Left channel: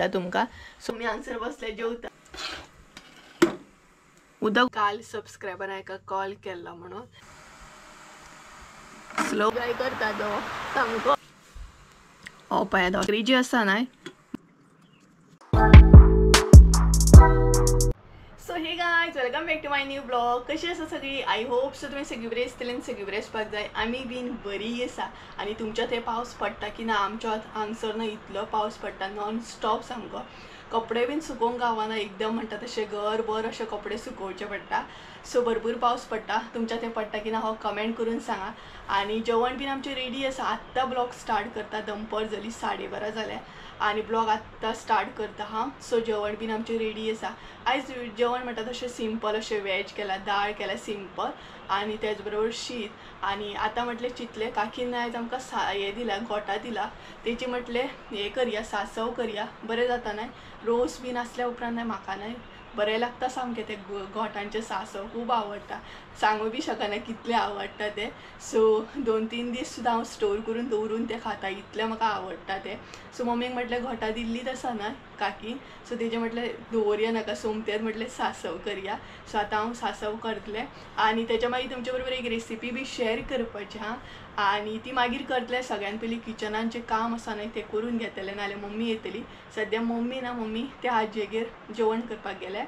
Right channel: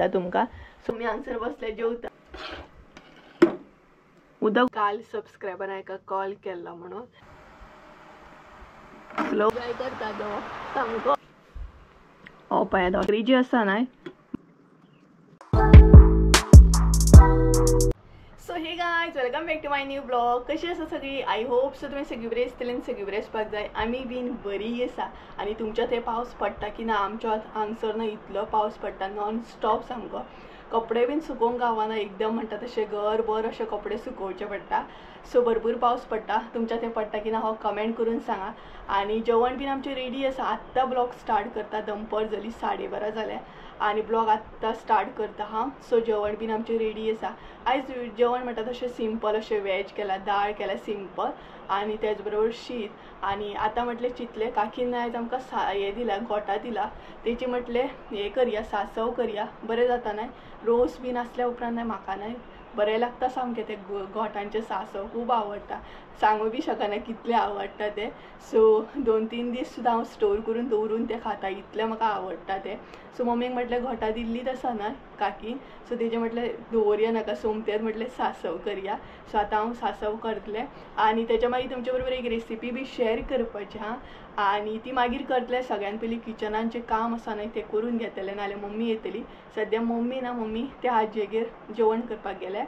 तुमका सो मी आन्सर बसले जेवता उदक काल सबस्क्रायबर एका कॉल केला म्हणून स्लो काय करता तो सांगतो ओ पाय दोरी जी आसा ना so hey guys welcome back to my new blog. कशी आसा सगळी? आय होप सो तुम्ही सगळी बरी आसतली आनी सगळी बरी आसपाक जाय. आमी बीन बरी आसा. आनी तुमच्या थंय पावस पडटा की ना? आमच्या हांगसर ना इतलो पावस पडटा नॉन स्टॉप सामको. कपडे बीन सुकोवंक गावना एकदम म्हणटा तशे गरबर अशे कपडे सुकोवचे पडटा. सो भरपूर पावस पडटा. तुमच्या थंय पडटा की ना हो कमेंट करून सांगा. आनी जेवण बीन आमचें रेडी आसा. आत्ता ब्लॉग स्टार्ट करता. दनपार जाली 12:30 जाल्या आनी ब्लॉग आत्ता स्टार्ट करता हां. सो जेवण बीन आमचें रेडी आसा. आयज जेवण म्हणटा तशें सिंपल अशें वेज केला, दाळ केला सिंपल आनी तेच बरोबर शीत. आनी आतां म्हटलें चिंतलें काकीन आयज आमकां हें दिला गोठा दिला तेची म्हटलें हें करया सासव करया बरें जाता न्हय. रोस बीन आसल्या उपरांत न्हय म्हाका न्हय बरें लागता सामकें ते गोठांचे सासव खूब आवडटा. सांगू बी शकना कितले आवडटा ते. सो 2-3 दीस सुद्दां हांव स्टोर करून दवरून ते खाता इतलें म्हाका आवडटा ते. सो मम्मीक म्हटलें घोटां दिल्लीच आसा न्हय काकीन सो तेजें म्हटलें दवरया नाका सोमतेर म्हटलें सासव करया. सो आतां हांव सासव करतलें आनी तेच्या मागीर तुमचे बरोबर एक रेसिपी बी शेअर करपाची हां. आनी ती मागीर करतलें. सगळ्यान पयलीं किचनान जें काम आसा न्हय तें करून घेतलें नाल्यार मम्मी येतली. सद्या मम्मी ना मम्मी त्या हाजेगेर जेवण करपाक गेले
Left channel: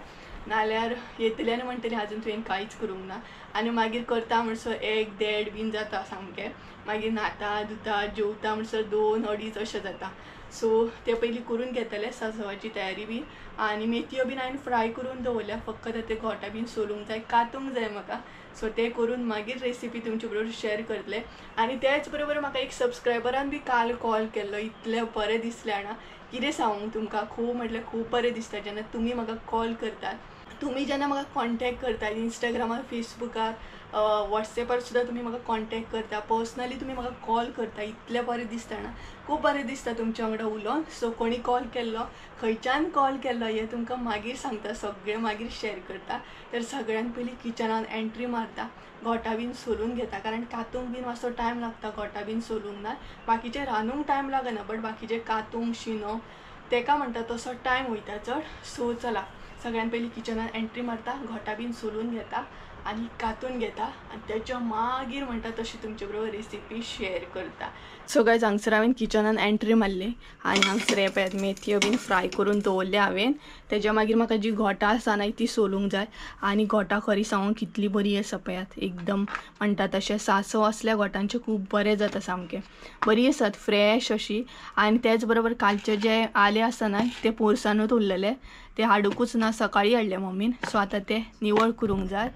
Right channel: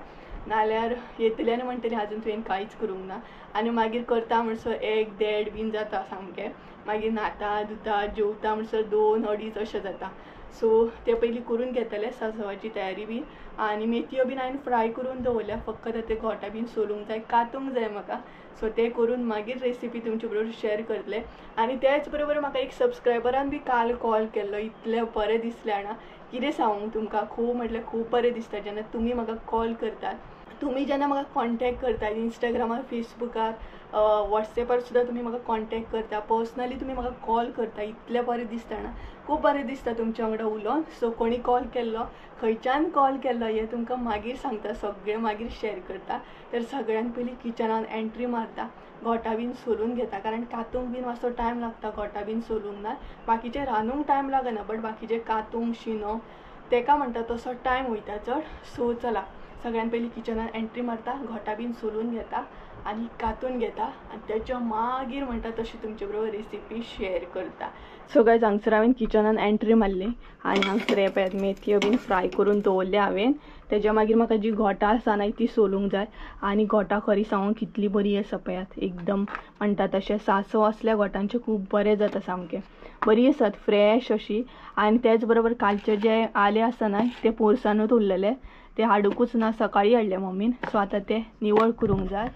नाल्यार येतली आनी म्हणटली आजून तुवें कांयच करूंक ना. आनी मागीर करता म्हणसर 1-1:30 बीन जाता सामकें. मागीर न्हाता धुता जेवता म्हणसर 2-2:30 अशें जाता. सो ते पयलीं करून घेतलें सासवाची तयारी बी. आनी मेथयो बीन हांवें फ्राय करून दवरल्या. फक्त ते गोठा बीन सोलूंक जाय कातूंक जाय म्हाका. सो ते करून मागीर रेसिपी तुमचे बरोबर शेअर करतले. आनी त्याच बरोबर म्हाका एक सबस्क्रायबरान बी काल कॉल केल्लो. इतलें बरें दिसलें जाणा कितें सांगूंक तुमकां. खूब म्हटल्यार खूब बरें दिसता जेन्ना तुमी म्हाका कॉल करतात. तुमी जेन्ना म्हाका कॉन्टॅक्ट करतात इंस्टाग्रामार फेसबुकार वॉट्सॅपार सुद्दां तुमी म्हाका कॉन्टॅक्ट करता. पर्सनली तुमी म्हाका कॉल करता. इतलें बरें दिसता ना खूब बरें दिसता तुमच्या वांगडा उलोवन. सो कोणी कॉल केल्लो खंयच्यान कॉल केल्लो हें तुमकां मागीर सांगता. सगळें मागीर शेअर करता. तर सगळ्यान पयलीं किचनान एंट्री मारता गोठा बीन सोलून घेता. कारण कातूंक बीन मातसो टायम लागता गोठा बीन सोलूंक ना. बाकीचे रांदूंक टायम लागना बट बाकीचे कातूंक शिनोवंक तेका म्हणटा तसो टायम वयता चड. सो चला सगळ्यान पयलीं किचनान एंट्री मारता गोठा बीन सोलून घेता आनी कातून घेता आनी तेच्या मागीर म्हणटा तशी तुमचे बरोबर रेसिपी शेअर करता. सो गायज हांगसर हांवें किचनान एंट्री मारली आनी हांगसर हे पळयात मेथयो बीन फ्राय करून दवरल्या हांवें. तेच्या मागीर म्हाका जी गोठा आसा न्हय ती सोलूंक जाय. आनी गोठा खरी सांगूं कितली बरी आसा पळयात एकदम म्हणटा तशें सासव असल्या गोठांचे खूब बरें जाता सामकें. बरी आसात फ्रेश अशी. आनी तेच बरोबर कालचे जे आले आसा न्हय ते पोरसानूच उरलेले ते हाडूंकूच ना सकाळी हाडले मम्मीन. सो आतां ते निवळ करूंक जाय.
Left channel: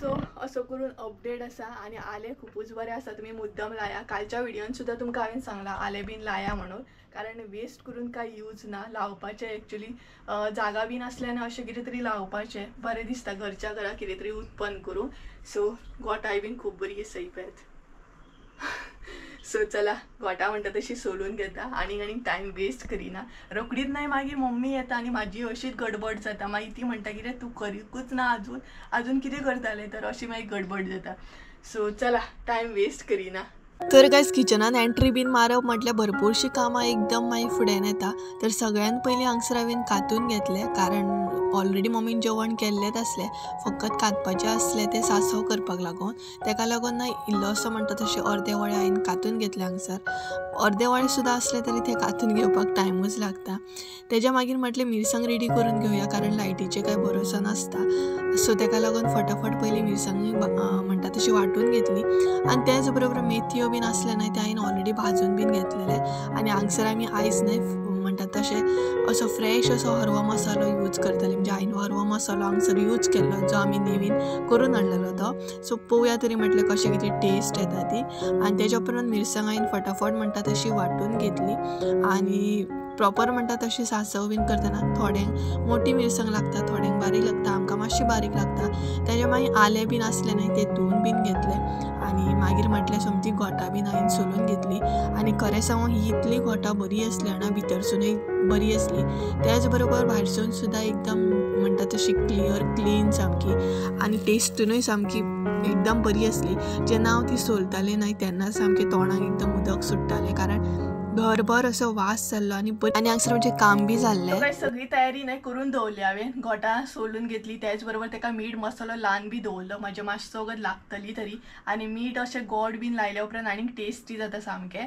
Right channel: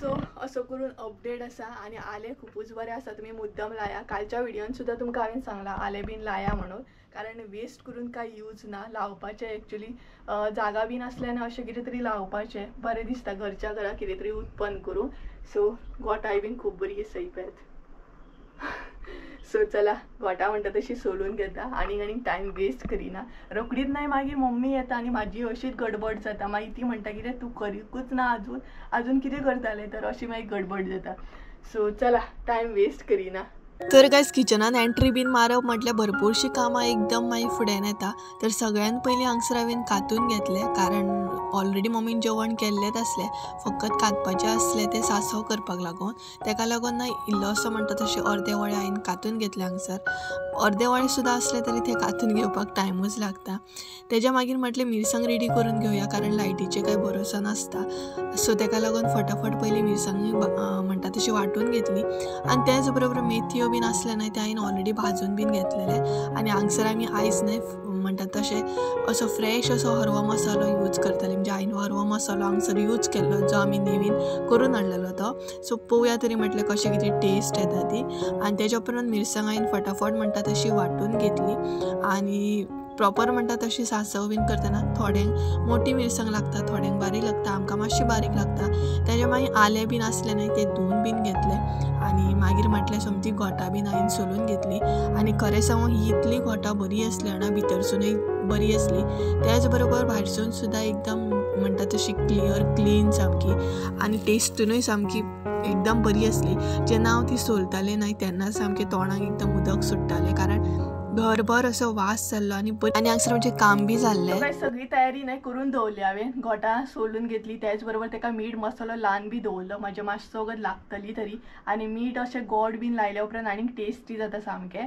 सो असो करून अपडेट आसा. आनी आले खूबच बरें आसा. तुमी मुद्दम लाया. कालच्या व्हिडिओन सुद्दां तुमकां हांवें सांगलां आले बीन लाया म्हणून. कारण वेस्ट करून कांय यूज ना. लावपाचें एक्चुली जागा बीन आसल्यार अशें कितें तरी लावपाचें बरें दिसता घरच्या घरा कितें तरी उत्पन्न करूं. सो गोठाय बीन खूब बरी आसा ही पळयात. सो चला गोठा म्हणटा तशी सोलून घेता आनी टायम वेस्ट करिना. रोकडीच नाही मागीर मम्मी येता आनी म्हाजी अशीच गडबड जाता. मागीर ती म्हणटा कितें तूं करीकूच ना आजून कितें करतालें तर अशी मागीर गडबड जाता. सो चला टायम वेस्ट करिना. तर गायज किचनान एंट्री बीन मारप म्हटल्यार भरपूरशीं कामां एकदम मागीर फुड्यान येता. तर सगळ्यान पयलीं हांगसर हांवें कातून घेतलें कारण ऑलरेडी मम्मीन जेवण केल्लेंच आसलें. फकत कातपाचें आसलें तें सासव करपाक लागून. तेका लागून ना इल्लोसो म्हणटा तशें अर्दे वळे हांवें कातून घेतले हांगसर. अर्दे वळे सुद्दां असले तरी ते कातून घेवपाक टायमूच लागता. तेच्या मागीर म्हटलें मिरसांग रेडी करून घेवया कारण लायटीचे कांय भरोसा नासता. सो तेका लागून फटाफट पयलीं मिरसांग म्हणटा तशी वांटून घेतली. आनी तेच बरोबर मेथयो बीन आसले न्हय ते हांवें ऑलरेडी भाजून बीन घेतलेले. आनी हांगसर आमी आयज न्हय म्हणटात तशें असो फ्रेश असो हरवो मसालो यूज करतले. म्हणजे हांवें हरवो मसालो हांगसर यूज केल्लो जो आमी नेवीन करून हाडलेलो तो. सो पळोवया तरी म्हटलें कशें कितें टेस्ट येता ती. आनी तेच्या उपरांत मिरसांग हांवें फटाफट म्हणटा तशी वांटून घेतली. आनी प्रॉपर म्हणटा तशी सासव बीन करतना थोड्यांक मोठी मिरसांग लागता थोड्यांक बारीक लागता. आमकां मातशी बारीक लागता. तेच्या मागीर आले बीन आसले न्हय ते धुवन बीन घेतले. आनी मागीर म्हटलें समती गोठा बीन हांवें सोलून घेतली. आनी खरें सांगूं ही इतली गोठा बरी आसली जाणा भितरसुनूय बरी आसली. त्याच बरोबर भायरसून सुद्दां एकदम म्हणटा तशी क्लीन सामकी. आनी टेस्टूनय सामकी एकदम बरी आसली. जेन्ना हांव ती सोलतालें न्हय तेन्ना सामकें तोंडाक एकदम उदक सुट्टालें कारण घरभर असो वास जाल्लो आणि हांगसर म्हणजे काम बी जाल्लें. काय सगळी तयारी नाही करून दवरली हांवें. घोटां सोलून घेतली, त्याच बरोबर ताका मीठ मसालो लावन बी दवरलो म्हणजे मातसो वगत लागतली तरी. आणि मीठ अशें गोड बीन लायल्या उपरांत आनीक टेस्टी जाता सामकें.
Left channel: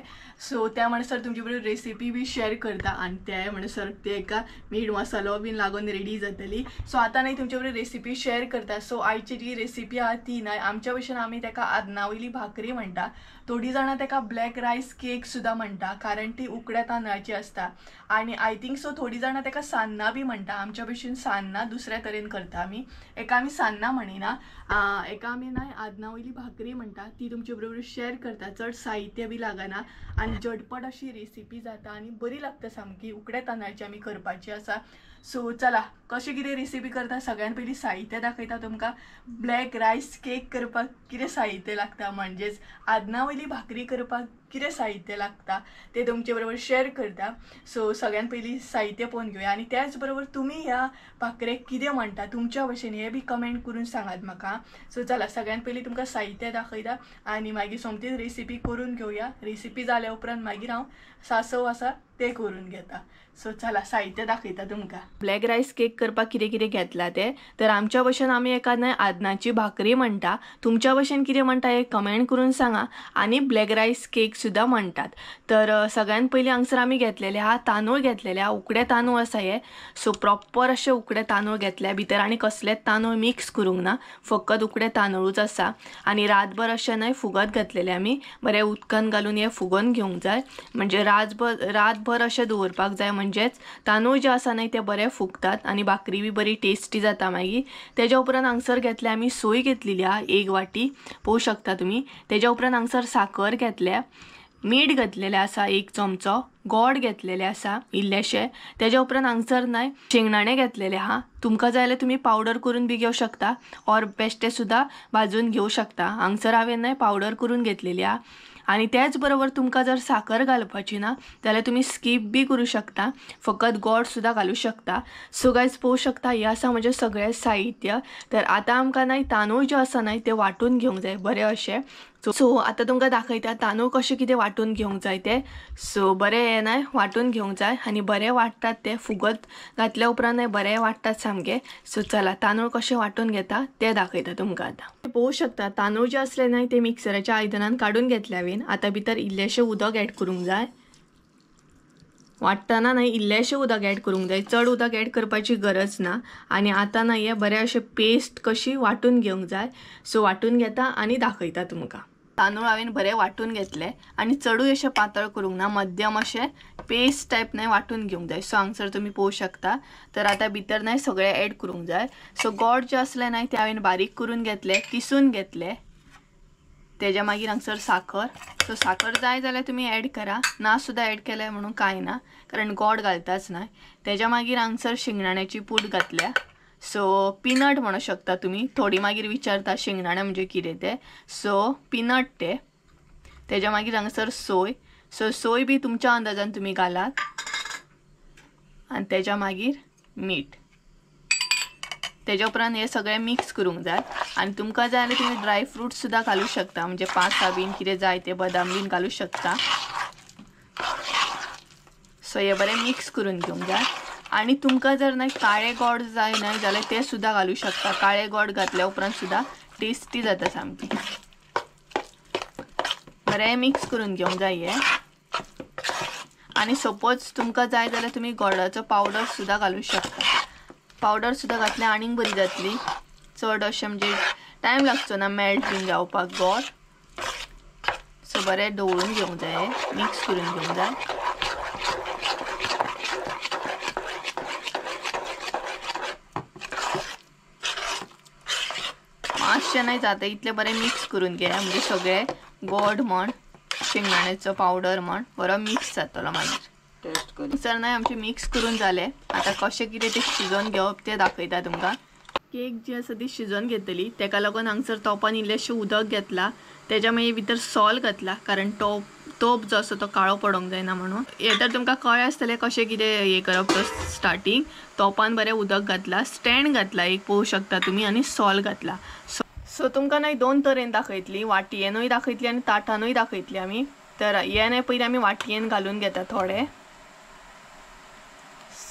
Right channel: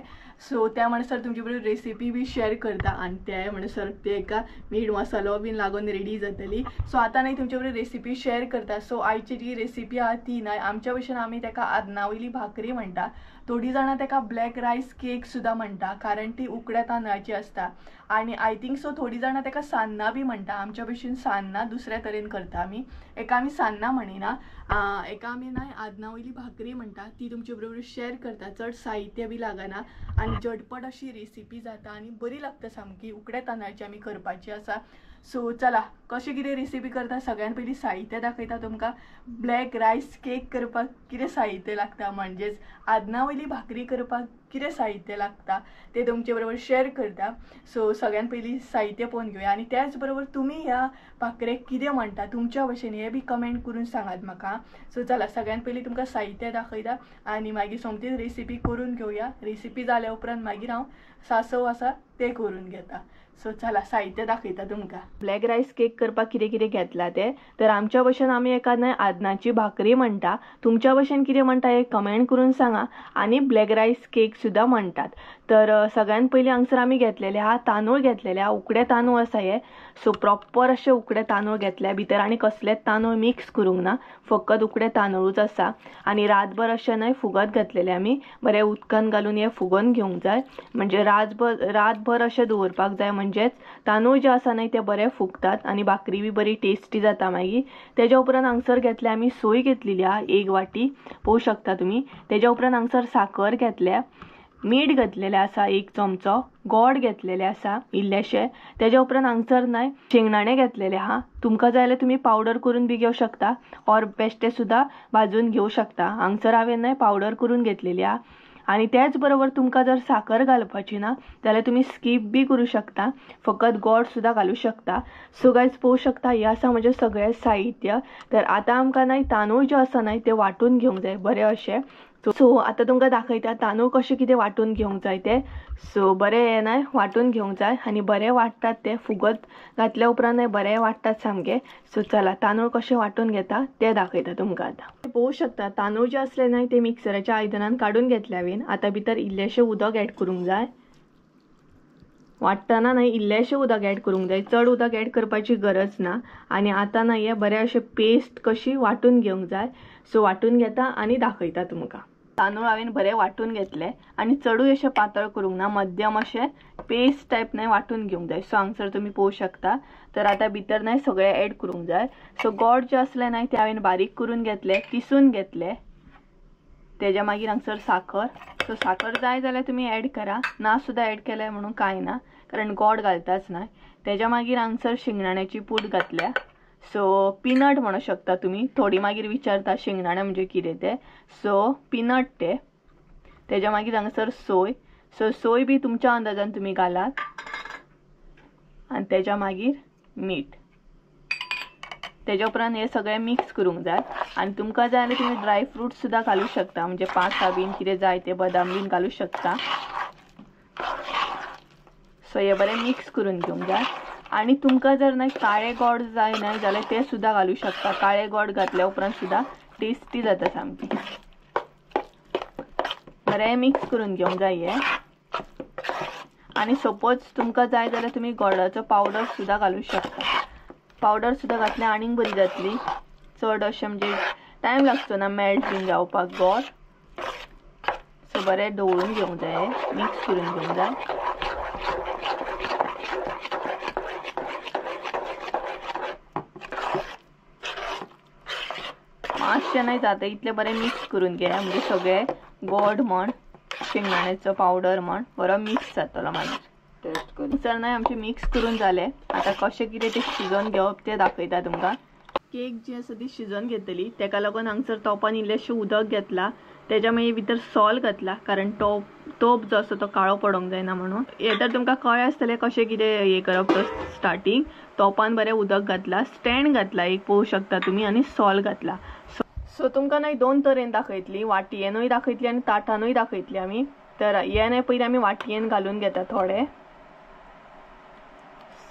सो त्या म्हणसर तुमचे बरोबर रेसिपी बी शेअर करता आणि त्या म्हणसर तेका मीठ मसालो बीन लागून रेडी जातली. सो आतां नाही तुमचे बरोबर रेसिपी शेअर करता. सो आयची जी रेसिपी आहा ती नाही, आमच्या भशेन आमी ताका आदनावयली भाकरी म्हणटा. थोडी जाणां ताका ब्लॅक रायस केक सुद्धा म्हणटा, कारण ती उकड्या तांदळाची असता. आणि आय थिंक सो थोडी जाणां ताका सान्नां बी म्हणटा. आमच्या भशेन सान्नां दुसऱ्या तरेन करता आमी. एका आमी सान्नां म्हणिना, एका आमी नाही आदनावयली भाकरी म्हणटा. ती तुमचे बरोबर शेअर करता. चड साहित्य बी लागना आणि झटपट अशी रेसिपी जाता आणि बरी लागता सामकी. उकड्या तांदळाची आमी करपाची आसा. सो चला कशी कितें रेसिपी करता सगळ्यात पयलीं साहित्य दाखयता तुमकां. ब्लॅक रायस केक करपाक कितें साहित्य लागता, म्हणजेच आदनावयली भाकरी करपाक कितें साहित्य लागता ते तुमचे बरोबर शेअर करता. सो सगळ्यात पयलीं साहित्य पळोवन घेवया आणि त्याच बरोबर तुमी ह्या भाकरेक कितें म्हणटा तुमच्या भशेन हे बी कमेंट करून सांगात म्हाका. सो चला सगळ्यात पयलीं तुमकां साहित्य दाखयता आणि मागीर सोमतीच रेसिपी करून घेवया. रेसिपी जाल्या उपरांत मागीर हांव सासव आसा ते करून घेता. सो चला साहित्य दाखयता तुमकां. ब्लॅक रायस केक करपाक कितें कितें घेतला ते तर आमच्या भशेन आमी एका आदनाची भाकरी म्हणटा. तुमच्या भशेन कितें म्हणटा हे कमेंट करून सांगा. आणि ब्लॅक रायस केक सुद्धा म्हणटात. तर सगळ्यात पयलीं हांगसर आमी घेतलेले आहा तांदूळ घेतलेले आहा. उकडे तांदूळ आसा हे. सो प्रॉपर अशे उकडे तांदूळ घेतले. भितर आनी कसलेच तांदूळ मिक्स करूंक ना, फकत उकडे तांदूळच आसा. आणि रातभर अशे न्हय फुगत घातलेले आमी. बरे उदकान घालून हे फुगोवन घेवंक जाय, म्हणजे रातभर अशे दवरपाक जाय. म्हणजेच तांदूळ जे आसा न्हय ते बरे फुगतात आणि भाकरी बी बरी टेस्टी जाता मागीर. तेज्या उपरांत हांगसर घेतले आमी सोय घेतलेली आहा 1 वाटी, पळोवंक शकता तुमी. तेज्या उपरांत हांगसर साखर घेतल्या, मीठ घातलेलें आसा 1 चमचो, गोड घेतलेले आसा इल्लेशे. तेज्या उपरांत हांगसर न्हय शेंगदाणे घेतलेले आहा. तुमकां जाय जाल्यार तुमी पावडर करून बी घेवं शकता ऑर बेश्टे सुद्धा भाजून घेवं शकता. हांगसर हांवें न्हय पावडर करून घेतलेली आहा. आणि त्याच बरोबर तुमकां जर साखर घालपाची ना जाल्यार तुमी स्कीप बी करूं शकता, फकत गोड सुद्धा घालूं शकता. सो गायज पळोवंक शकता हे आसा म्हणजे सगळें साहित्य. तर आतां आमकां न्हय तांदूळ जे आसा न्हय ते वांटून घेवंक जाय बरें अशें. सो आतां तुमकां दाखयता तांदूळ कशें कितें वांटून घेवंक जाय ते. सो बरें हे न्हय वांटून घेवंक जाय आनी बरें वांटतात ते फुगत घातल्या उपरांत न्हय बरें वांटतात सामकें. सो चला तांदूळ कशें वांटून घेता ते दाखयता तुमकां आतां. पळोवंक शकता तांदूळ जे असले न्हय ते मिक्सराच्या आयदनान काडून घेतले हांवें. आतां भितर इल्लेशें उदक ऍड करूंक जाय. वाटतना न्हय इल्लेशें उदक ऍड करूंक जाय, चड उदक ऍड करपाची गरज ना. आणि आतां न्हय हे बरें अशें पेस्ट कशी वांटून घेवंक जाय. सो वांटून घेता आनी दाखयता तुमकां. तांदूळ हांवें बरें वांटून घेतले आनी चडूय अशें पातळ करूंक ना, मध्यम अशें पेस्ट टायप न्हय वांटून घेवंक जाय. सो हांगसर तुमी पळोवंक शकता. तर आतां भितर न्हय सगळें ऍड करूंक जाय. सो गोड जे असले न्हय ते हांवें बारीक करून घेतले, किसून घेतले. तेज्या मागीर हांगसर साखर. सो साखर जाय जाल्यार तुमी ऍड करा, ना सुद्धा ऍड केलें म्हणून कांय ना, कारण गोड घालताच न्हय. तेज्या मागीर हांगसर शेंगदाण्याची पूड घातल्या. सो पीनट म्हणू शकता तुमी. थोडी मागीर विचारता शेंगदाणे म्हणजे कितें ते. सो पीनट ते. तेज्या मागीर हांगसर सोय. सो सोय बी तुमच्या अंदाजान तुमी घालात. आनी तेज्या मागीर मीठ. तेज्या उपरांत हे सगळें मिक्स करूंक जाय. आनी तुमकां जाय जाल्यार तुमी ड्राय फ्रूट सुद्धा घालूं शकता, म्हणजे पास्ता बीन कितें जाय ते बदाम बीन घालूं शकता. सो हे बरें मिक्स करून घेवंक जाय. आणि तुमकां जर न्हय काळे गोड जाय न्हय जाल्यार ते सुद्धा घालूं शकता. काळे गोड घातल्या उपरांत सुद्धा टेस्टी जाता सामकी. बरें मिक्स करून घेवंक जाय हे. आणि सपोज तुमकां जाय जाल्यार तुमी गोडाचो पावडर सुद्धा घालूं शकता. पावडर सुद्धा घातल्यार आनीक बरी जातली. चड अशें म्हणजे टायम लागचो ना मेल्ट बीन जावपाक गोड. सो बरें ढवळून घेवंक जाय, मिक्स करून घेवंक जाय. मातशें न्हय जाता इतलें बरें मिक्स करून घेया, म्हणजे सगळें गोड म्हण शेंगदाण्याचो पावडर म्हण बरो मिक्स जातलो मागीर. टेस्ट करून सर न्हय आमचें मिक्स करून जालें. आतां कशें कितें तें शिजोवन घेवप तें दाखयता तुमकां. केक जी आसा ती शिजोवन घेतली, तेका लागून हांगसर तोपान इल्लेशें उदक घेतला. तेज्या मागीर भितर सॉल्ट घातला, कारण तोप जो आसा तो काळो पडोंक जायना म्हणून. हे तर तुमकां कळ्ळें आसतलें कशें कितें हे करप तो स्टार्टींग. तोपान बरें उदक घातला, स्टँड घातला एक पळोवंक शकता तुमी, आनी सॉल्ट घातला. सो तुमकां न्हय 2 तरेन दाखयतली, वाटयेनूय दाखयतली आनी ताटानूय दाखयतली आमी. तर हे पहिले आम्ही वाटयेन घालून घेता थोडे.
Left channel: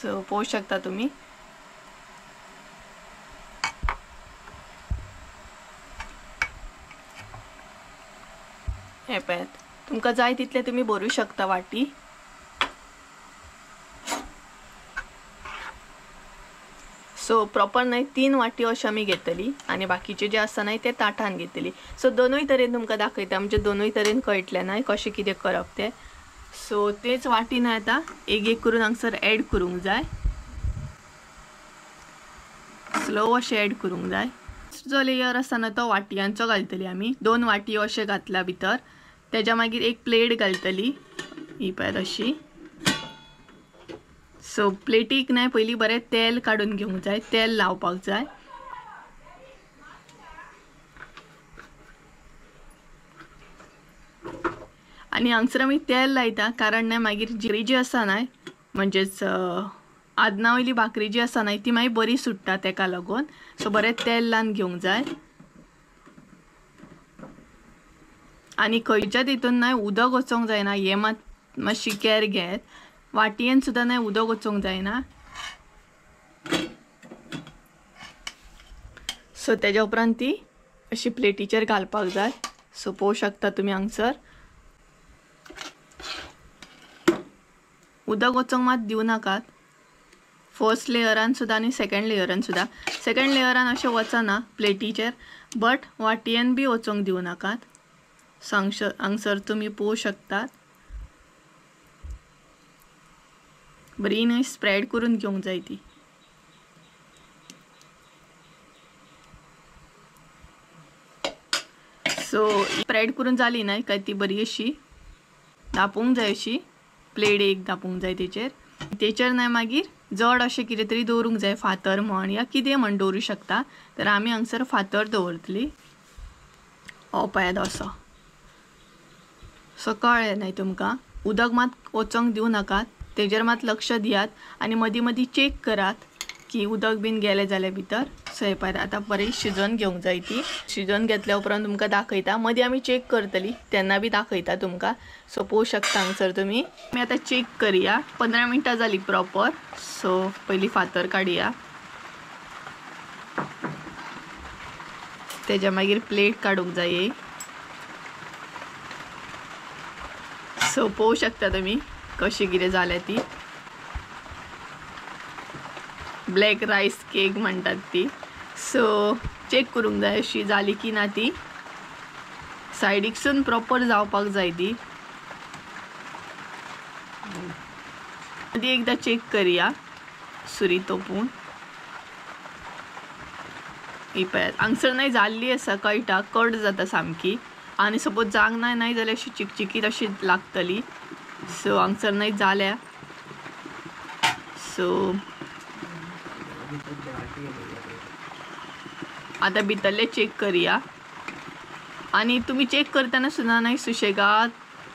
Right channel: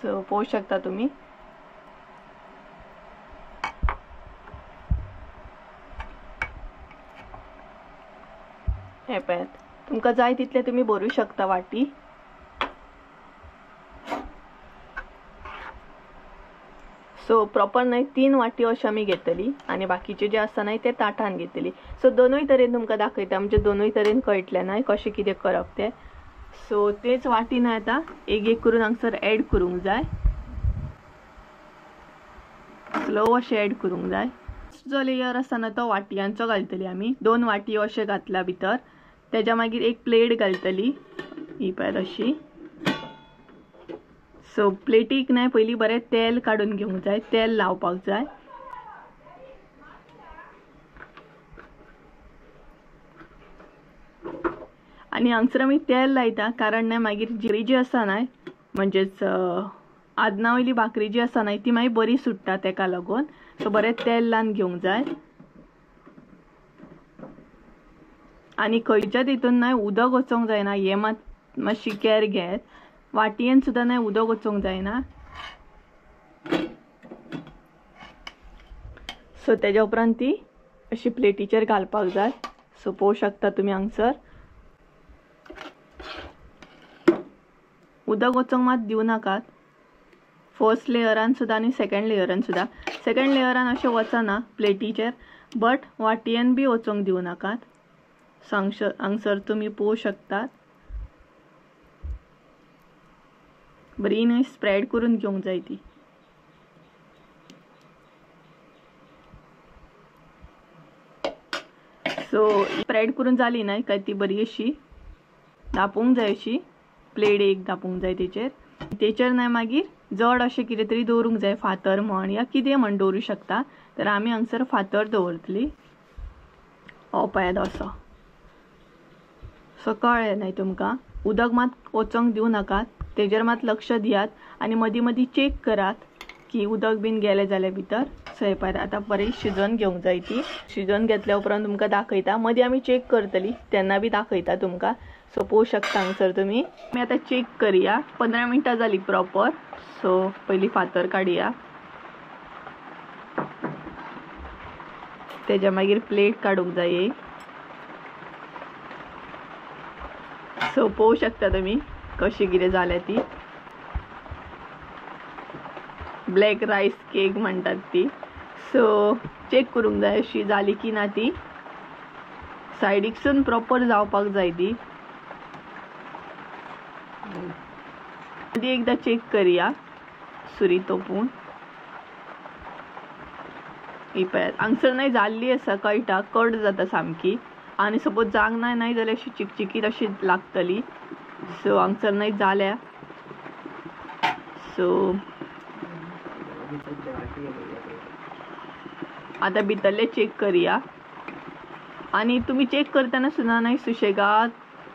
सो पळोवू शकता तुम्ही. हे पळयात, तुमकां जाय तितले तुम्ही भरू शकता वाटी. सो प्रॉपर नाही 3 वाटी अशी आम्ही घेतली आणि बाकीचे जे आसा नाही ते ताटान घेतली. सो दोनूय तरेन तुमकां दाखयता, म्हणजे दोनूय तरेन कळटलें नाही कशें कितें करप तें. सो तेच वाटीन आता एक एक करून हांगसर ऍड करूंक जाय. स्लो अशें ऍड करूंक जाय. जो लेयर आसा ना तो वाटयांचो घालतली आमी. 2 वाटी अशें घातला भितर. तेज्या मागीर एक प्लेट घालतली ही पळय अशी. सो प्लेटीक नाही पयली बरें तेल काढून घेवंक जाय, तेल लावपाक जाय. आणि हांगसर आमी तेल लायता कारण नाही मागीर भाकरी जी आसा नाही, म्हणजेच आदना वयली भाकरी जी आसा नाही ती मागीर बरी सुट्टा, तेका लागून. सो बरें तेल लावन घेवंक जाय. आणि खंयच्या तितून नाही उदक वचोंक जायना, हे मातशी कॅर घेत. वाटयेन सुद्धा नाही उदक वचोंक जायना. सो तेज्या उपरांत ती अशी प्लेटीचेर घालपाक जाय. सो पळोवू शकता तुम्ही हांगसर उदक वचोंक मात दिवं नाकात. फर्स्ट लेयरान सुद्धा आणि सेकंड लेयरान सुद्धा. सेकंड लेयरान अशें वचना प्लेटीचेर, बट वाटयेन बी वचोंक दिवं नाकात. हांगसर तुम्ही पळोवू शकतात. बरी न्हय स्प्रेड करून घेवंक जाय ती. सो स्प्रेड करून जाली न्हय काय ती बरी अशी धापूंक जाय. अशी प्लेट एक धापूंक जाय तेचेर न्हय मागीर जड अशें कितें तरी दवरूंक जाय, फातर म्हण या कितें म्हण दवरूं शकता. तर आमी हांगसर फातर दवरतली. हो पळयात असो. सो कळ्ळें न्हय तुमकां. उदक मात वचोंक दिवं नाकात, तेजेर मात लक्ष दियात आणि मदीं मदीं चेक करात की उदक बीन गेलें जाल्यार भितर. सो हे पळयात आतां बरी शिजोवन घेवंक जाय ती. शिजोवन घेतल्या उपरांत तुमकां दाखयता. मदीं आमी चेक करतली तेन्ना बी दाखयता तुमकां. सो पळोवू शकता हांगसर तुमी. आमी आतां चेक करुया. 15 मिनटां जाली प्रॉपर. सो पयली फातर काडुया. तेज्या मागीर प्लेट काडूंक जाय. सो पळोवू शकता तुमी कशी कितें जाल्या ती. ब्लॅक रायस केक म्हणटात ती. सो चेक करूंक जाय अशी जाली की ना ती. सायडीकसून प्रॉपर जावपाक जाय ती. आदी एकदा चेक करुया सुरी तोपून. ही पळयात हांगसर नाही जाल्ली आसा, कळटा कट जाता सामकी. आणि सपोज जावंक नाही जाल्यार अशी चिकचिकीत अशी लागतली. सो हांगसर नाही जाल्या. सो आता भितरले चेक करुया. आणि तुम्ही चेक करताना सुद्धा नाही सुशेगाद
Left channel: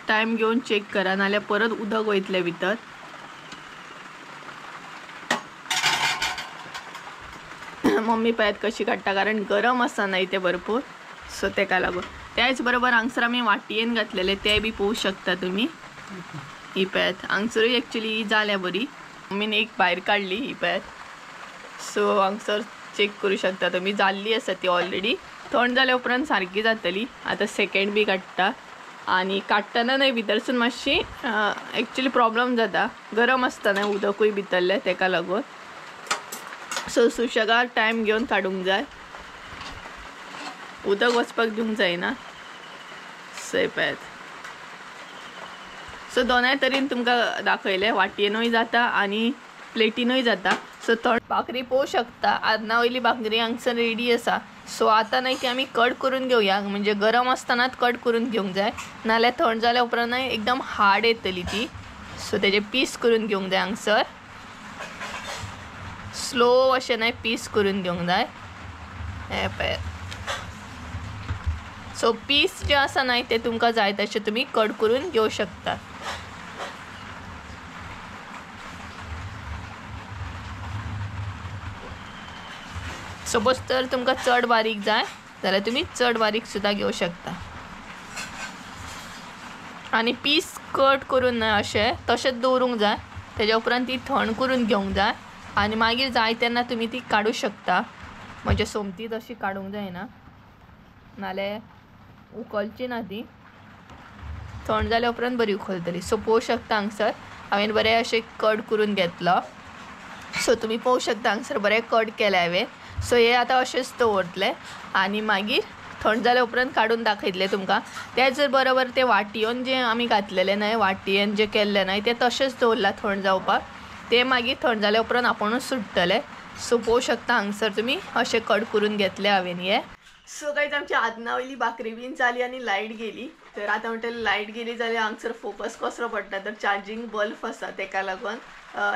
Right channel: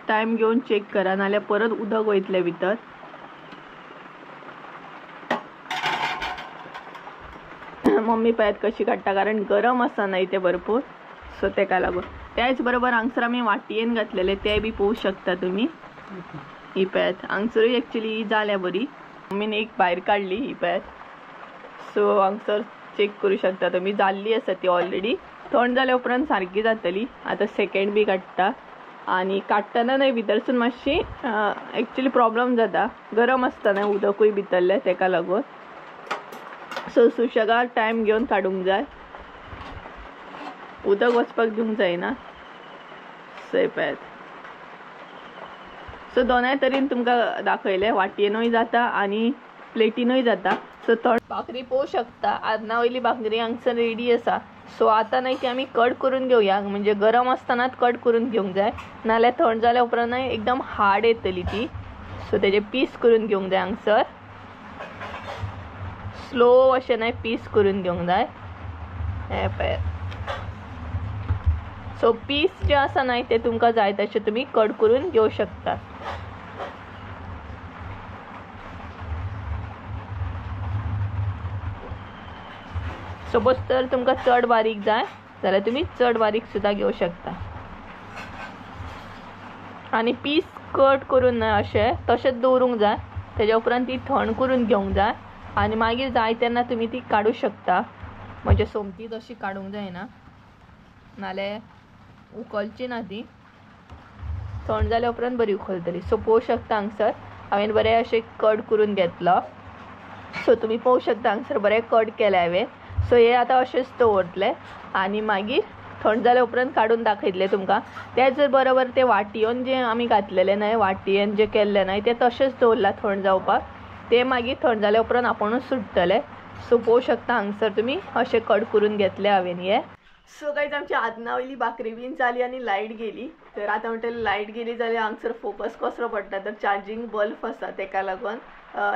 टाइम घेऊन चेक करा, नाल्यार परत उदक वयतले भितर. मम्मी पळयात कशी काडटा कारण गरम आसा नाही ते भरपूर. सो तेका लागून. त्याच बरोबर हांगसर आमी वाटयेन घातलेले ते बी पळोवू शकता तुम्ही. ही पळयात हांगसरूय एक्चुअली जाल्या बरी. मम्मीन एक भायर काडली ही पळयात. सो हांगसर चेक करू शकता तुम्ही जाल्ली आसा ती ऑलरेडी. थंड जाल्या उपरांत सारकी जातली. आता सेकंड बी काडटा आणि काडटना न्हय भितरसून मातशी एक्चुअली प्रॉब्लेम जाता, गरम आसता न्हय उदकूय भितरले तेका लागून. सो सुशेगाद टायम घेवन काडूंक जाय, उदक वचपाक दिवंक जायना. सो पळयात. सो दोनाय तरेन तुमकां दाखयलें, वाटयेनूय जाता आणि प्लेटीनूय जाता. सो थंड भाकरी पळोवू शकता. आदना वयली भाकरी हांगसर रेडी आसा. सो आतां न्हय ती आमी कट करून घेवया, म्हणजे गरम आसतनाच कट करून घेवंक जाय, नाल्यार थंड जाल्या उपरांत न्हय एकदम हार्ड येतली ती. सो तेजे पीस करून घेवंक जाय हांगसर. स्लो अशें न्हय पीस करून घेवंक जाय. हे पळयात. सो पीस जे आसा न्हय ते तुमकां जाय तशें तुमी कट करून घेवं शकता. सपोज तर तुमकां चड बारीक जाय जाल्यार तुमी चड बारीक सुद्दां घेवं शकता. आनी पीस कट करून न्हय अशें तशेंच दवरूंक जाय. तेज्या उपरांत ती थंड करून घेवंक जाय आनी मागीर जाय तेन्ना तुमी ती काडूं शकता. म्हणजे सोमती तशी काडूंक जायना, नाल्यार उखलची ना ती. थंड जाल्या उपरांत बरी उखलतली. सो पळोवंक शकता हांगसर हांवें बरें अशें कट करून घेतलो. सो तुमी पळोवंक शकता हांगसर बरें कट केलें हांवें. सो हे आतां अशेंच दवरतले आनी मागीर थंड जाल्या उपरांत काडून दाखयतले तुमकां. तेच जर बरोबर ते वाटयेन जे आमी घातलेले न्हय, वाटयेन जे केल्ले न्हय ते तशेंच दवरला थंड जावपाक. ते मागीर थंड जाल्या उपरांत आपुणूच सुट्टले. सो पळोवंक शकता हांगसर तुमी अशें कट करून घेतले हांवें हे. सो गायज आमची आदनावयली भाकरी बीन जाली आनी लायट गेली. तर आतां म्हणटलें लायट गेली जाल्यार हांगसर फोकस कसरो पडटा. तर चार्जिंग बल्ब आसा तेका लागून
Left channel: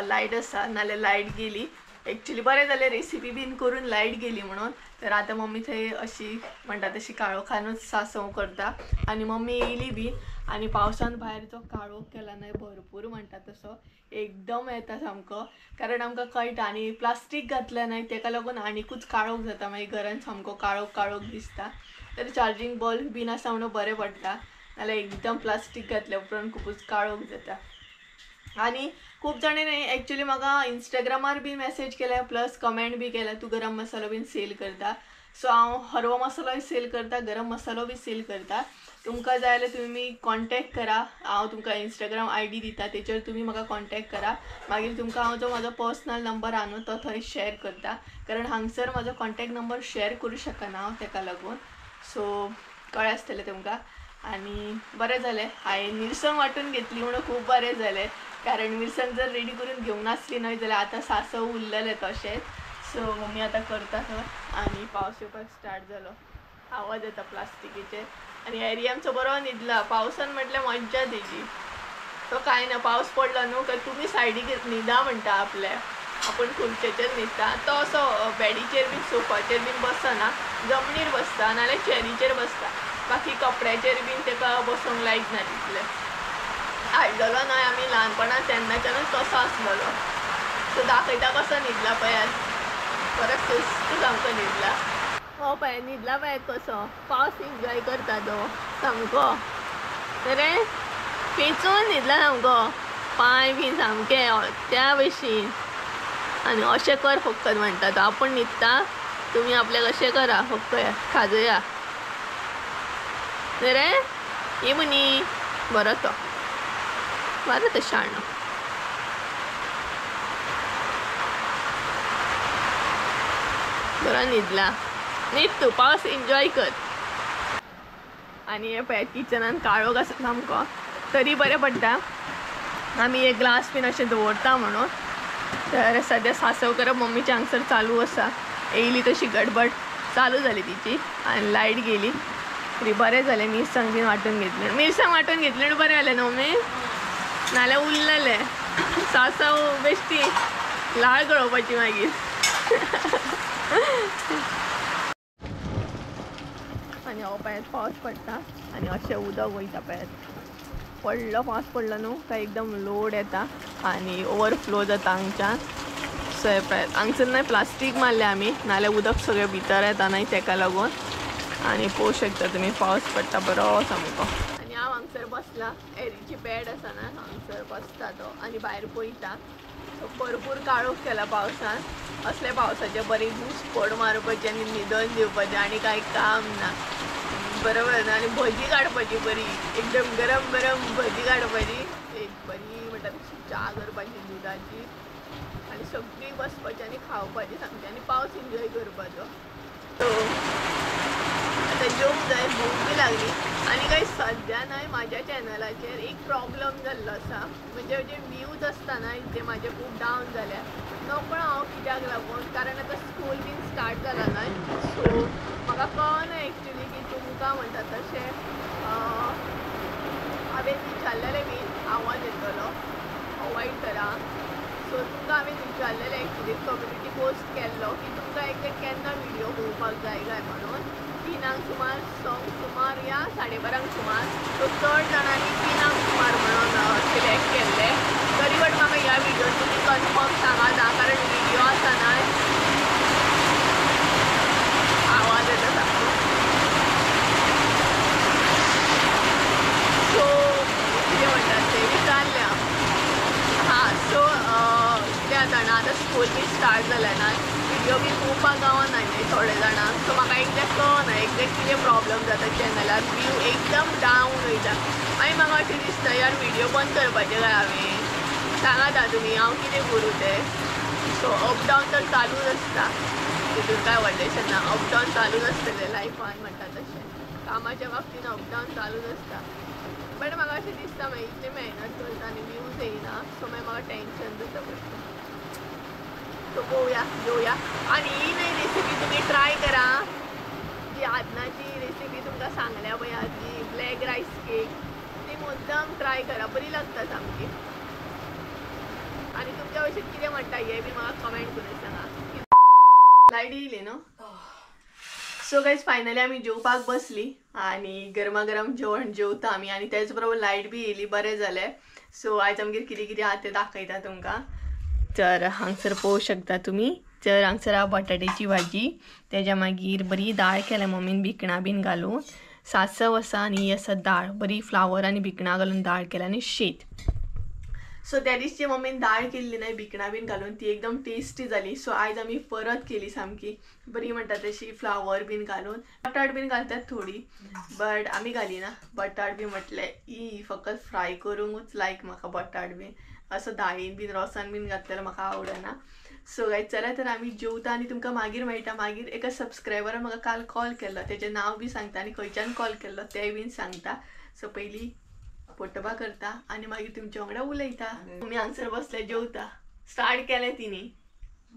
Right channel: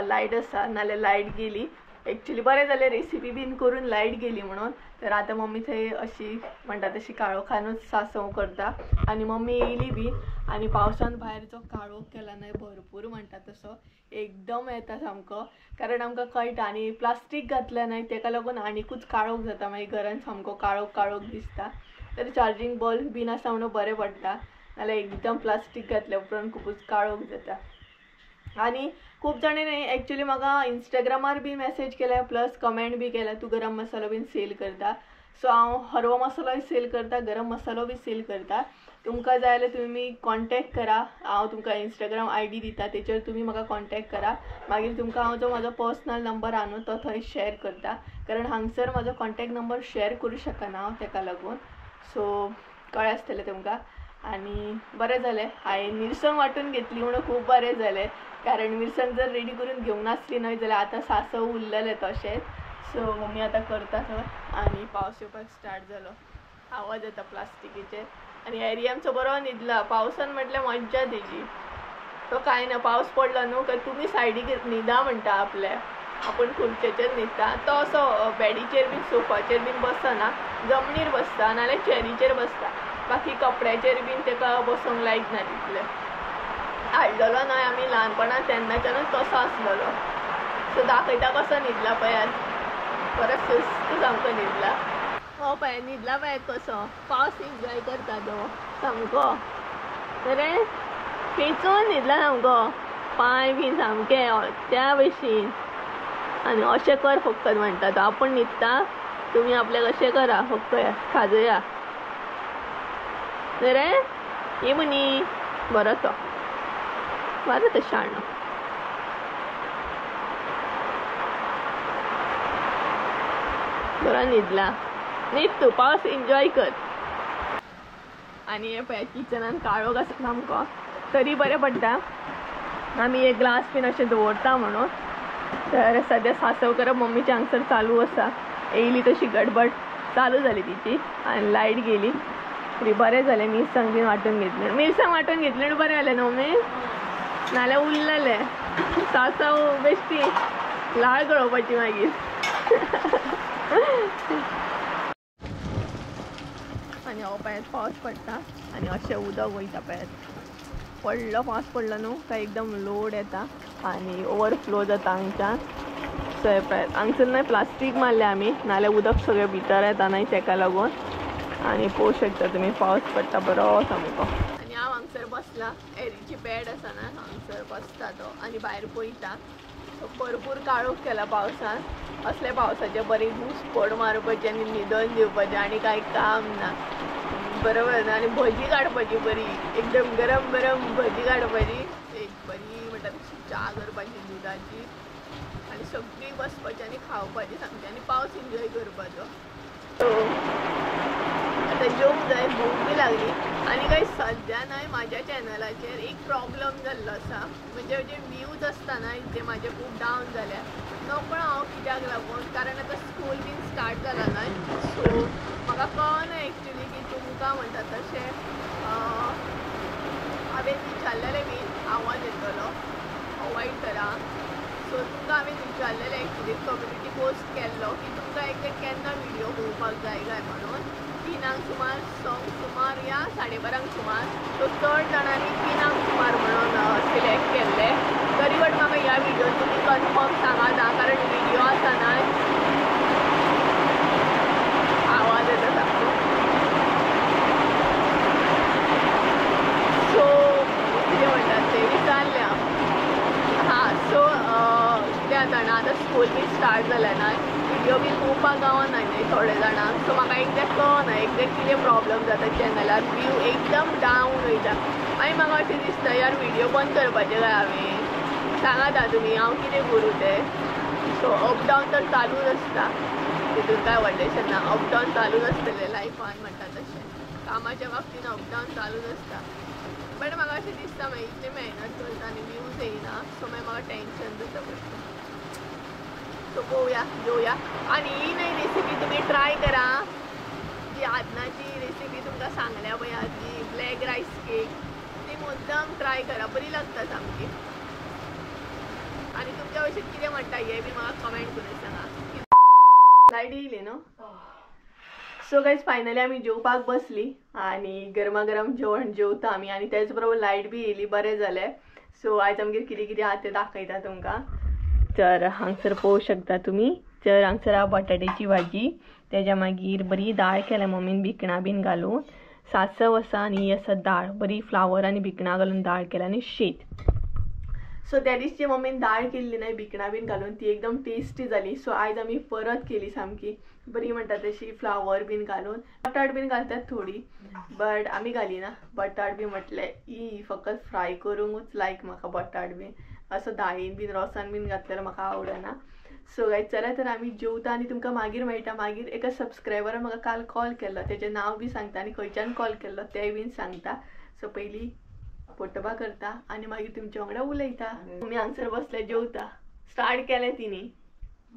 लायट आसा, नाल्यार लायट गेली. एक्चुली बरें जालें रेसिपी बीन करून लायट गेली म्हणून. तर आतां मम्मी थंय अशी म्हणटा तशी काळोखानूच सासव करता आनी मम्मी येयली बी. आनी पावसान भायर जो काळोख केला न्हय भरपूर म्हणटा तसो एकदम येता सामको. कारण आमकां कळटा आनी प्लास्टीक घातलें न्हय तेका लागून आनीकूच काळोख जाता. मागीर घरान सामको काळोख काळोख दिसता. तर चार्जिंग बल्ब बीन आसा म्हणून बरें पडटा, नाल्यार एकदम प्लास्टीक घातल्या उपरांत खुबूच काळोख जाता. आनी खूब जाणांनी एक्चुली म्हाका इंस्टाग्रामार बी मेसेज केल्या प्लस कमेंट बी केल्या तूं गरम मसालो बीन सेल करता. सो हांव हरवो मसालोय सेल करता, गरम मसालो बी सेल करता. तुमकां जाय जाल्यार तुमी कॉन्टॅक्ट करा. हांव तुमकां इंस्टाग्राम ID दिता, तेचेर तुमी म्हाका कॉन्टॅक्ट करा. मागीर तुमकां हांव जो म्हाजो पर्सनल नंबर आहा न्हू तो थंय शेअर करता. कारण हांगसर म्हाजो कॉन्टॅक्ट नंबर शेअर करूं शकना हांव तेका लागून. सो कळ्ळें आसतलें तुमकां. आनी बरें जालें हांवें मिरसांग वांटून घेतली म्हणून खूब बरें जालें. कारण मिरसांग जर रेडी करून घेवंक नासली न्हय जाल्यार आतां सासव उरलेलें तशेंच. सो मम्मी आतां करता थंय. आनी पावस येवपाक स्टार्ट जालो, आवाज येता प्लास्टिकीचे. आनी एरिया आमचो बरो न्हिदला. पावसान म्हटल्यार मज्जा तेजी. तो कांय ना, पावस पडलो न्हू काय तुमी सायडीक न्हिदा म्हणटा आपल्या. आपूण खुर्चेचेर न्हिदता, तो असो बॅडीचेर बीन सोफाचेर बीन बसना, जमनीर बसता नाल्यार चॅरीचेर बसता. बाकी कपड्याचेर बीन तेका बसोंक लायक ना तितलें. हाडलेलो न्हय आमी ल्हानपणांत तेन्नाच्यानूच तसो आसलेलो. सो दाखयता कसो न्हिदला पळयात. बरो सुस्त सामको न्हिदला. हो पळय न्हिदला पळय कसो. पावस एन्जॉय करता तो सामको. रे पेंचून न्हिदला सामको. पांय बीन सामके त्या भशेन. आनी अशें कर फक्त म्हणटा तो. आपूण न्हिदता तुमी आपल्याक अशें करा फक्त खाजया. रे ये मुनी बरो तो, बरो तो शाणो. बरो न्हिदला. न्हिद तूं, पावस एन्जॉय कर. आनी हे पळय किचनान काळोख आसा सामको, तरी बरें पडटा आमी एक ग्लास बीन अशें दवरता म्हणून. तर सद्या सासव करप मम्मीचे हांगसर चालू आसा. येयली तशी गडबड चालू जाली तिची आनी लायट गेली. तरी बरें जालें मिरसांग बीन वांटून घेतली. मिरसांग वांटून घेतली म्हणून बरें जालें न्हू मम्मी, नाल्यार उरलेलें. सासव बेश्टी लाळ गळोवपाची मागीर. आनी हो पळयात पावस पडटा आनी अशें उदक वयता पळयात. व्हडलो पावस पडलो न्हू काय एकदम लोड येता आनी ओवरफ्लो जाता हांगच्यान. सो हे पळयात हांगसर न्हय प्लास्टीक मारलें आमी, नाल्यार उदक सगळें भितर येता न्हय तेका लागून. आनी पळोवंक शकता तुमी पावस पडटा बरो सामको. आनी हांव हांगसर बसला. एरीची बॅड आसा ना, हांगसर बसता तो आनी भायर पळयता. सो भरपूर काळोख केला पावसान. असले पावसाचे बरी घुसपड मारपाची आनी न्हिदोन दिवपाचें आनी कांय काम ना. बरोबर. आनी भजी काडपाची बरी, एकदम गरम गरम भजी काडपाची. एक बरी म्हणटा तशी च्या करपाची दुदाची आनी सगळीं बसपाची आनी खावपाची सामकी आनी पावस एन्जॉय करपाचो. सो आतां जेवंक जाय, भूक बी लागली. आनी काही सद्या न्हय म्हाज्या चॅनलाचेर एक प्रॉब्लम जाल्लो आसा. म्हणजे जे व्ह्यूज आसता न्हय ते म्हाजे खूब डावन जाल्या. नकळो हांव कित्याक लागून, कारण आतां स्कूल बीन स्टार्ट जाला न्हय. सो म्हाका कळना एक्चुली की तुमकां म्हणटा तशें हांवें विचारलेलें बीन आवाज येतलो अवॉयड करा. सो तुमकां हांवें विचारलेलें एक्चुली कम्युनिटी पोस्ट केल्लो की तुमकां केन्ना व्हिडियो पळोवपाक जाय काय म्हणून. 3 सुमार या 12:30 सुमार. सो चड जाणांनी 3 सुमार म्हणून सिलेक्ट केल्ले. तरी बट म्हाका ह्या व्हिडियोन तुमी कन्फर्म सांगात आं, कारण व्हिडियो आसा न्हय आवाज येता सामको. सो जाणां आतां स्कूल बी स्टार्ट जाल्या ना, व्हिडिओ बी पळोवपाक गावना न्ही थोडे जाणांक, सो म्हाका एक्झॅक्ट कळना एक्झॅक्ट कितें प्रॉब्लम जाता चॅनलार, व्यू एकदम डावन वयता. मागीर म्हाका अशें दिसता यार व्हिडिओ बंद करपाचें काय हांवें, सांगात तुमी हांव कितें करूं तें. सो अप डावन तर चालूच आसता, तितून काय व्हडलेंशें ना, अप डावन चालूच आसतलें लायफान म्हणटा तशें, कामाच्या बाबतीन अप डावन चालूच आसता. बट म्हाका अशें दिसता मागीर इतली मेहनत करता आनी व्यूज येयना, सो मागीर म्हाका टेंशन जाता पडटा. सो पळोवया घेवया. आनी ही नवी रेसिपी तुमी ट्राय करा, जी आदनाची रेसिपी तुमकां सांगल्या पळय ती ब्लॅक रायस केक, ती मुद्दाम ट्राय करा, बरी लागता सामकी. आणि तुमच्या भशेन कितें म्हणटा हे बी म्हाका कमेंट करून सांगा. लायट येयली न्हू. सो गायज फायनली आमी जेवपाक बसली आनी गरमागरम जेवण जेवता आमी आनी तेच बरोबर लायट बी येयली, बरें जालें. सो आयज आमगेर कितें कितें आहा तें दाखयता तुमकां. तर हांगसर पळोवंक शकता तुमी, तर हांगसर आहा बटाट्याची भाजी, तेज्या मागीर बरी दाळ केल्या मम्मीन भिकणां बीन घालून, सासव आसा आनी ही आसा दाळ, बरी फ्लावर आनी भिकणां घालून दाळ केल्या आनी शीत. सो त्या दिसची मम्मीन दाळ केल्ली न्हय भिकणां बीन घालून, ती एकदम टेस्टी जाली. सो आयज आमी परत केली सामकी बरी म्हणटा तशी फ्लावर बीन घालून. बटाट बीन घालतात थोडी, बट आमी घालिना बटाट बी. म्हटलें ई फकत फ्राय करूंकूच लायक म्हाका बटाट बीन, असो दाळीन बीन रोसान बीन घातलेलो म्हाका आवडना. सो गायज चला तर आमी जेवता आनी तुमकां मागीर मेळटा. मागीर एका सबस्क्रायबरान म्हाका काल कॉल केल्लो, तेजें नांव बी सांगता आनी खंयच्यान कॉल केल्लो तें बीन सांगता. सो पयलीं पोटबा करता आनी मागीर तुमच्या वांगडा उलयता. तुमी हांगसर बसले जेवता, स्टार्ट केलें तिणी,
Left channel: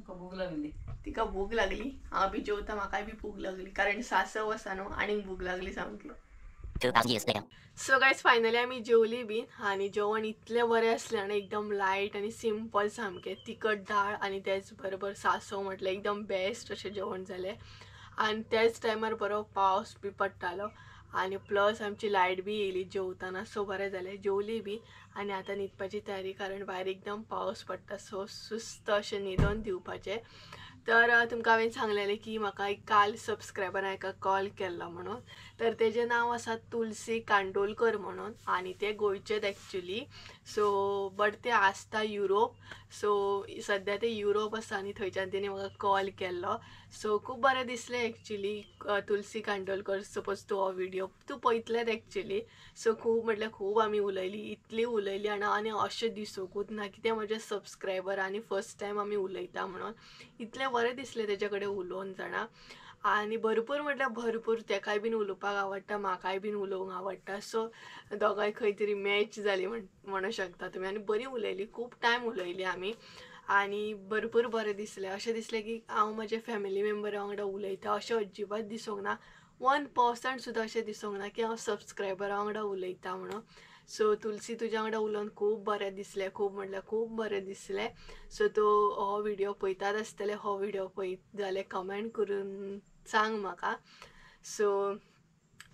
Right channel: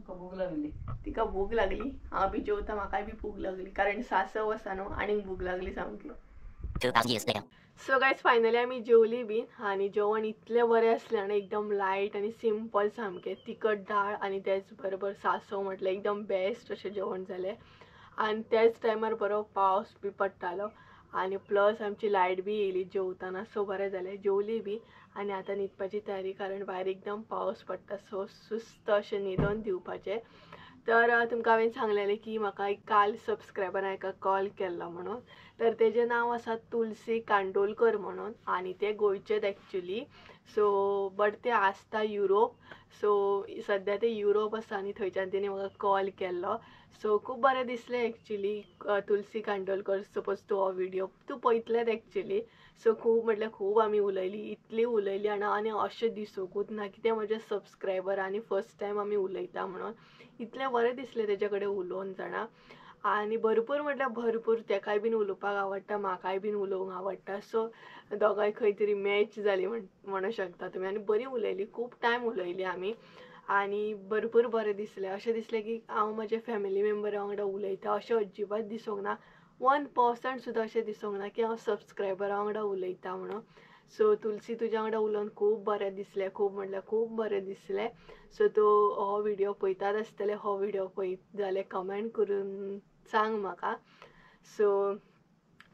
भूक लागली, तिका भूक लागली, हांव बी जेवता, म्हाकाय बी भूक लागली कारण सासव आसा न्हू आनीक भूक लागली सामकी. सो गायज फायनली आमी जेवली बीन आनी जेवण इतलें बरें आसलें आनी एकदम लायट आनी सिंपल सामकें, तिखट दाळ आनी तेच बरोबर सासव, म्हटलें एकदम बेस्ट अशें जेवण जालें. आनी त्याच टायमार बरो पावस बी पडटालो आनी प्लस आमची लायट बी येयली जेवताना. सो बरें जालें, जेवली बी आनी आतां न्हिदपाची तयारी, कारण भायर एकदम पावस पडटा. सो सुस्त अशें न्हिदोन दिवपाचें. तर तुमकां हांवें सांगलेलें की म्हाका एक काल सबस्क्रायबरान एका कॉल केल्लो म्हणून, तर तेजें नांव आसा तुलसी कांडोलकर म्हणून आनी ते गोंयचेच एक्चुली. सो बट ते आसता युरोप, सो सद्या ते युरोप आसा आनी थंयच्यान तेणी म्हाका कॉल केल्लो. सो खूब बरें दिसलें एक्चुली. तुलसी कांडोलकर, सपोज तूं हो व्हिडिओ तूं पळयतलेंच एक्चुली. सो खूब म्हटल्यार खूब आमी उलयली, इतली उलयली आनी अशें दिसोकूच ना की ते म्हजे सबस्क्रायबर आनी फर्स्ट टायम आमी उलयता म्हणून. इतलें बरें दिसलें तेजे कडेन उलोवन जाणा. आनी भरपूर म्हटल्यार भरपूर तेकाय बीन उलोवपाक आवडटा, म्हाकाय बीन उलोवंक आवडटा. सो दोगांय खंय तरी मॅच जाली म्हणूं शकता तुमी. आनी बरी उलयली, खूब टायम उलयली आमी आनी भरपूर बरें दिसलें. अशें दिसलें की हांव म्हजे फॅमिली मेंबरा वांगडा उलयता अशें अजिबात दिसूंक ना, 1% सुद्दां अशें दिसूंक ना की हांव सबस्क्रायबरा वांगडा उलयता म्हणून. सो तुलसी तुज्या वांगडा उलोवन खूब बरें दिसलें, खूब म्हटल्यार खूब बरें दिसलें. सो तूं हो व्हिडिओ पळयतात आसतलें, हो व्हिडिओ पळयत जाल्यार कमेंट करून सांग म्हाका. सो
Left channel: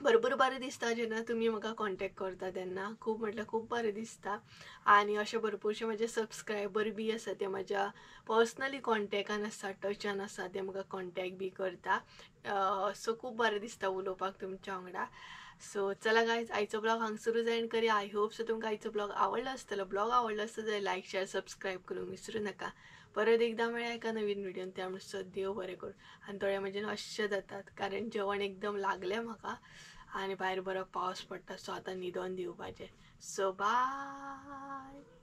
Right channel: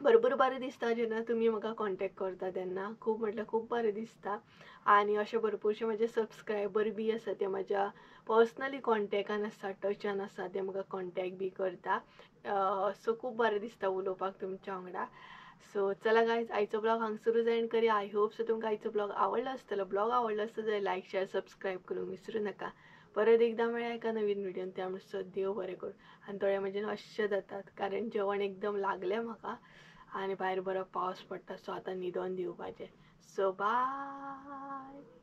भरपूर बरें दिसता जेन्ना तुमी म्हाका कॉन्टेक्ट करता तेन्ना, खूब म्हटल्यार खूब बरें दिसता. आनी अशे भरपूरशे म्हजे सबस्क्रायबर बी आसा ते म्हज्या पर्सनली कॉन्टेक्टान आसा, टचान आसा, ते म्हाका कॉन्टेक्ट बी करता. सो खूब बरें दिसता उलोवपाक तुमच्या वांगडा. सो चला गायज आयचो ब्लॉग हांगसरूच एंड करी. आय होप सो तुमकां आयचो ब्लॉग आवडलो आसतलो. ब्लॉग आवडलो आसता जाल्यार लायक शेअर सबस्क्रायब करूंक विसरूं नाका. परत एकदा मेळ्या एका नवीन व्हिडिओन, त्या म्हणसर देव बरें करूं. आनी थोडे म्हजें अशें जातात कारण जेवण एकदम लागलें म्हाका आनी भायर बरो पावस पडटा. सो आतां न्हिदोन दिवपाचें. So bye.